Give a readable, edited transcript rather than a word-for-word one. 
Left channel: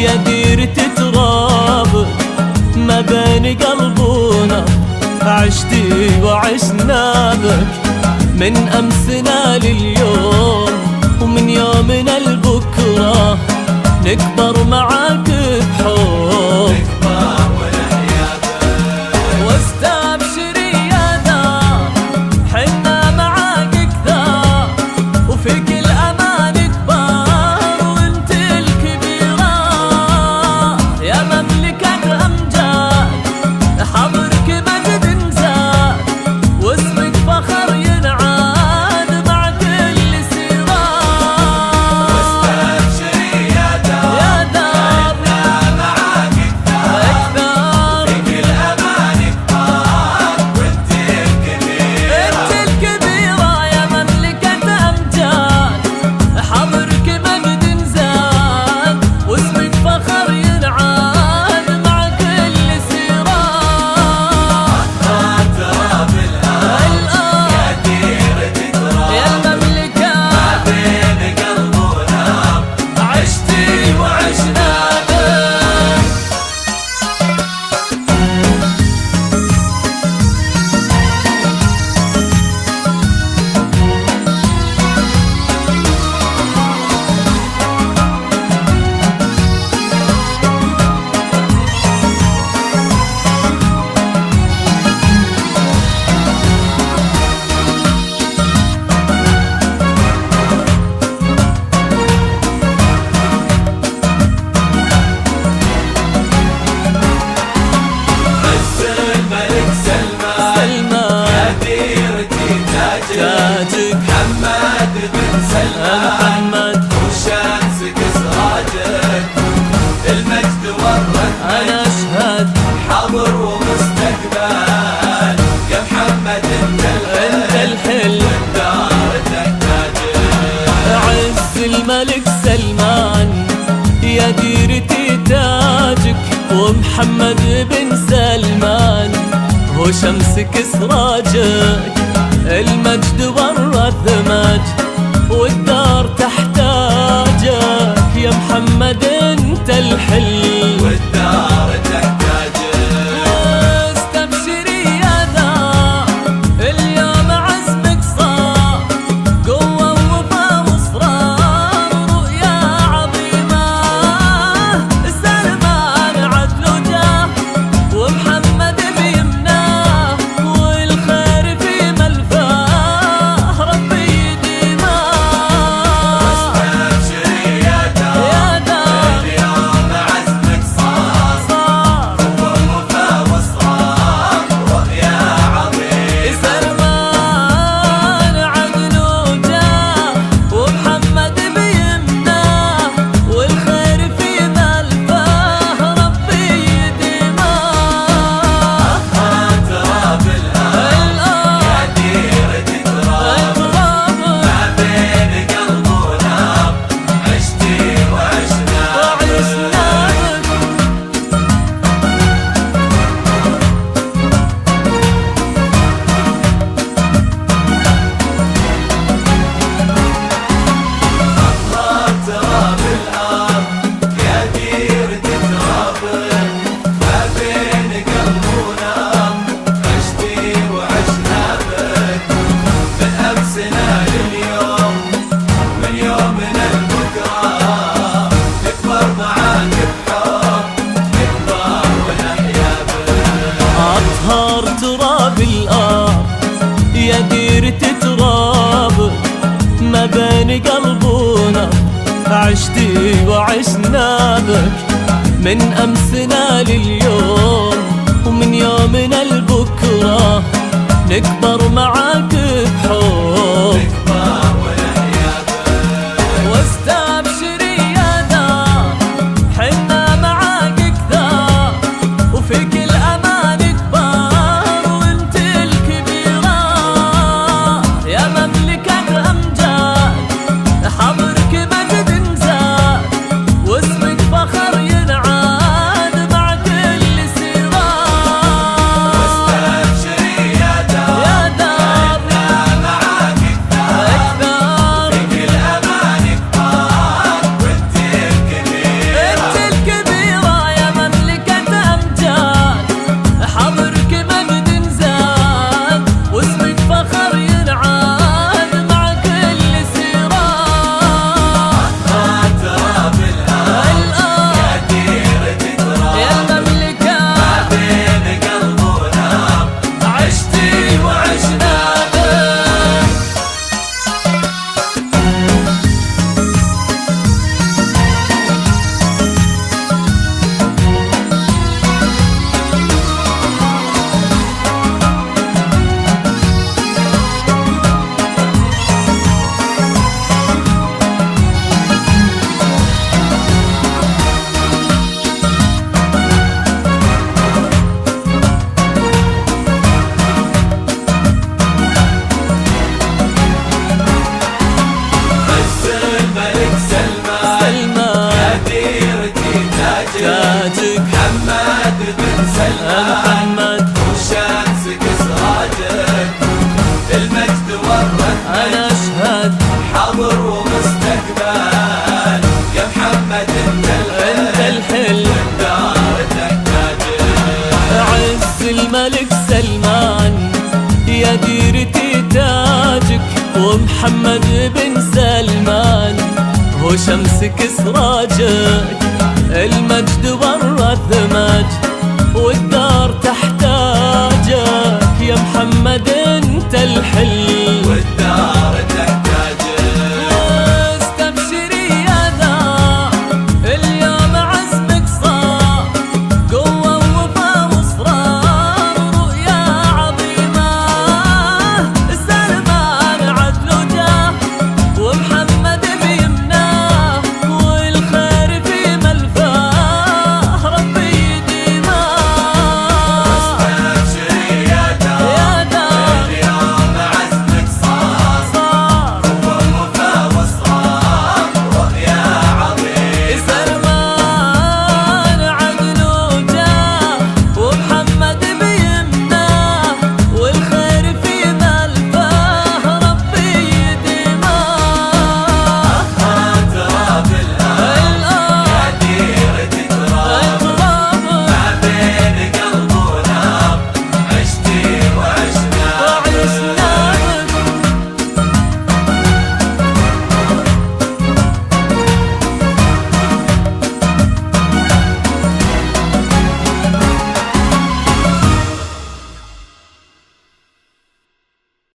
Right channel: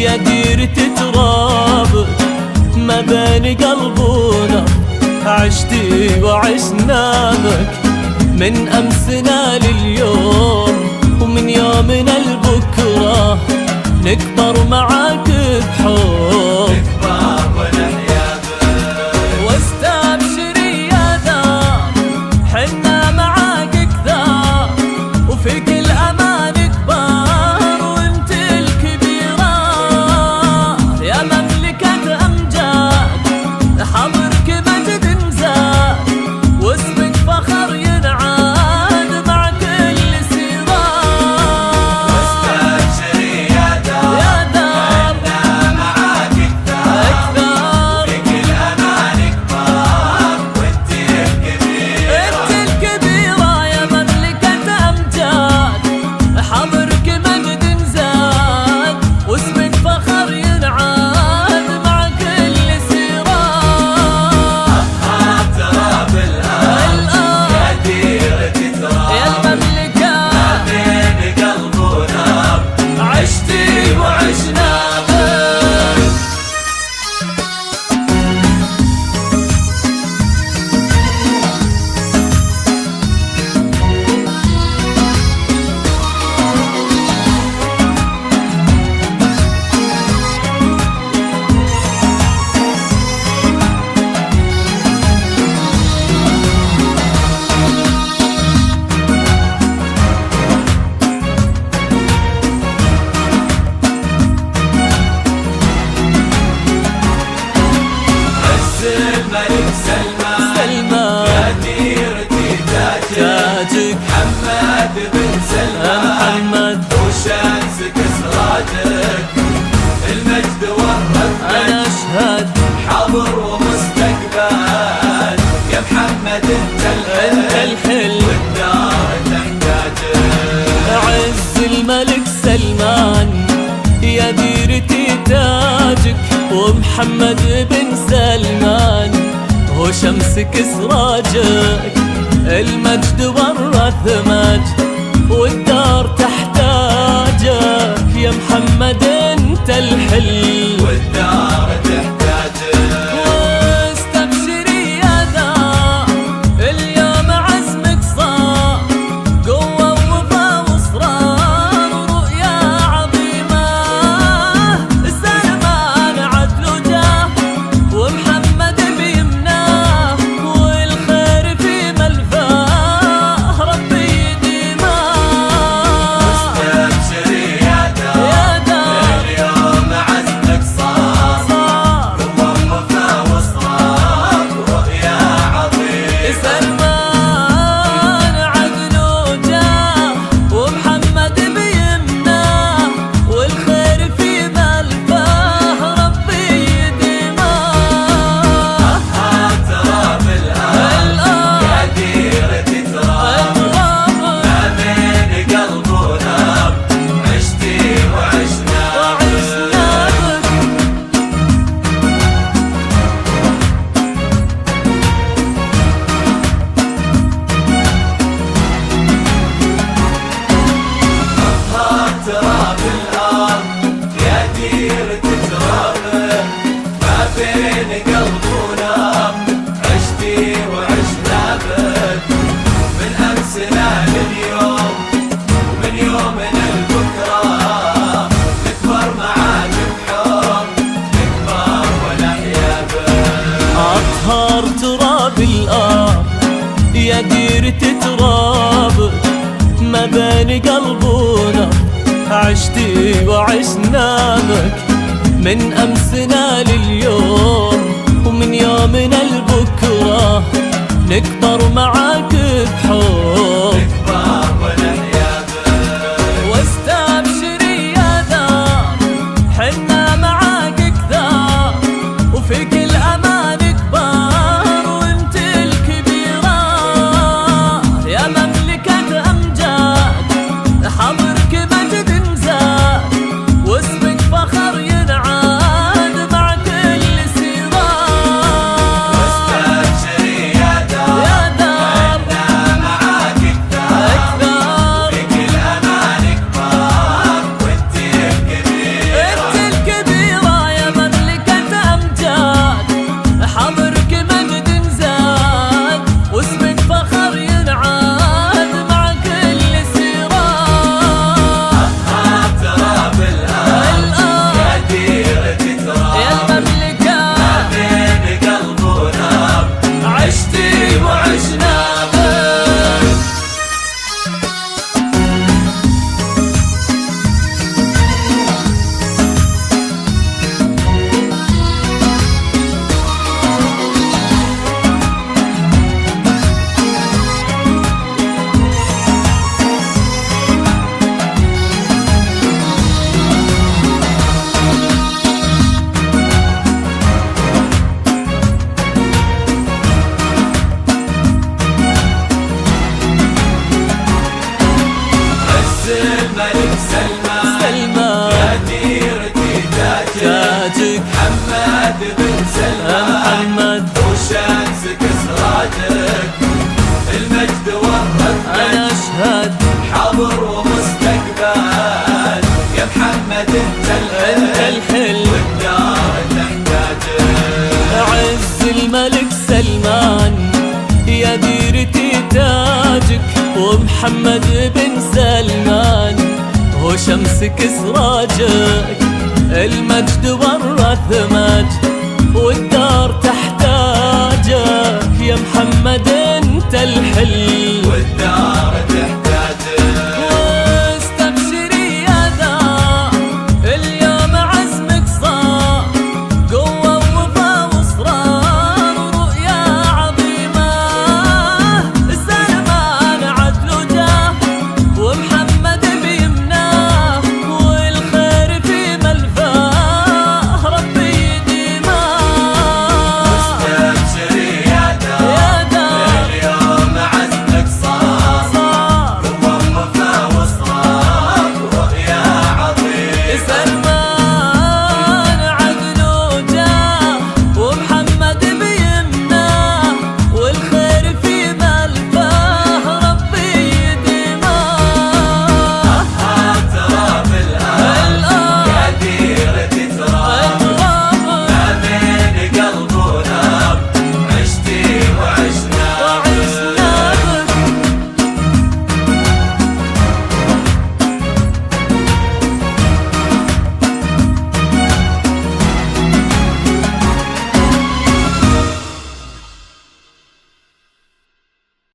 يا ديرة ترابك ما بين قلب ونبض، عشتي وعشنا بك من أمسنا لليوم، ومن يومنا لبكرة نكبر معاك بحب. واستبشري يا دار حنا معاك كثار، وفي كل أمان كبار وانت الكبيرة يا مملكة أمجاد، حضرك مجد نزاد واسمك فخر ينعاد مع كل سيرة. واستبشري يا دار معاك أكثر، في كل أمان كبار وانت الكبيرة، انت الكبيرة يا مملكة أمجاد، حضرك مجد نزاد واسمك فخر ينعاد مع كل سيرة. تراب الأرض يا المملكة بين قلب ونبض، عشتي وعشنا بك. الملك سلمان ديرتي تاجك محمد بن سلمان، محمد وشمسك سراجك المجد والرد، أنا أشهد حاضر ومستقبل يا محمد أنت الحل الدار تحتاجك. عز الملك سلمان يا ديرتي تاجك، ومحمد بن سلمان هو شمسك سراجك، المجد ورث مجد والدار تحتاجك يا محمد انت الحل والدار تحتاجك. واستبشري يا دار اليوم عزمك صار قوة ووفا واصرار ورؤيا عظيمة، سلمان عدل وجاه ومحمد بيمناه، والخير في ملفاه ربي يديماه. استبشري يا يا دار اليوم عزمك صار ووفا وصار ورؤيا عظيم، سلمان عدل وجاه ومحمد بيمناه، والخير في ملفاه ربي يديماه. تراب الأرض ديرتي تراب بين قلب ونبض، عشتي وعشنا وعشنا بك. تراب الأرض يا ديرتي تراب ما بين قلب ونبض، عشتي وعشنا بك من أمسنا لليوم، ومن يومنا لبكرة نكبر معاك بحب، نكبر ونحيا بك. أطهر تراب الأرض يا ديرة ترابك ما بين قلب ونبض، عشتي وعشنا بك من أمسنا لليوم، ومن يومنا لبكرة نكبر معاك بحب. واستبشري يا دار حنا معاك كثار، وفي كل أمان كبار وانت الكبيرة يا مملكة أمجاد، حضرك مجد نزاد واسمك فخر ينعاد مع كل سيرة. استبشري يا دار يا دار معاك حاضر ومستقبل يا محمد انت الحل عز الملك سلمان يا ديرتي تاجك، ومحمد بن سلمان هو شمسك سراجك. المجد ورث مجد والدار تحتاجك، يا محمد انت الحل والدار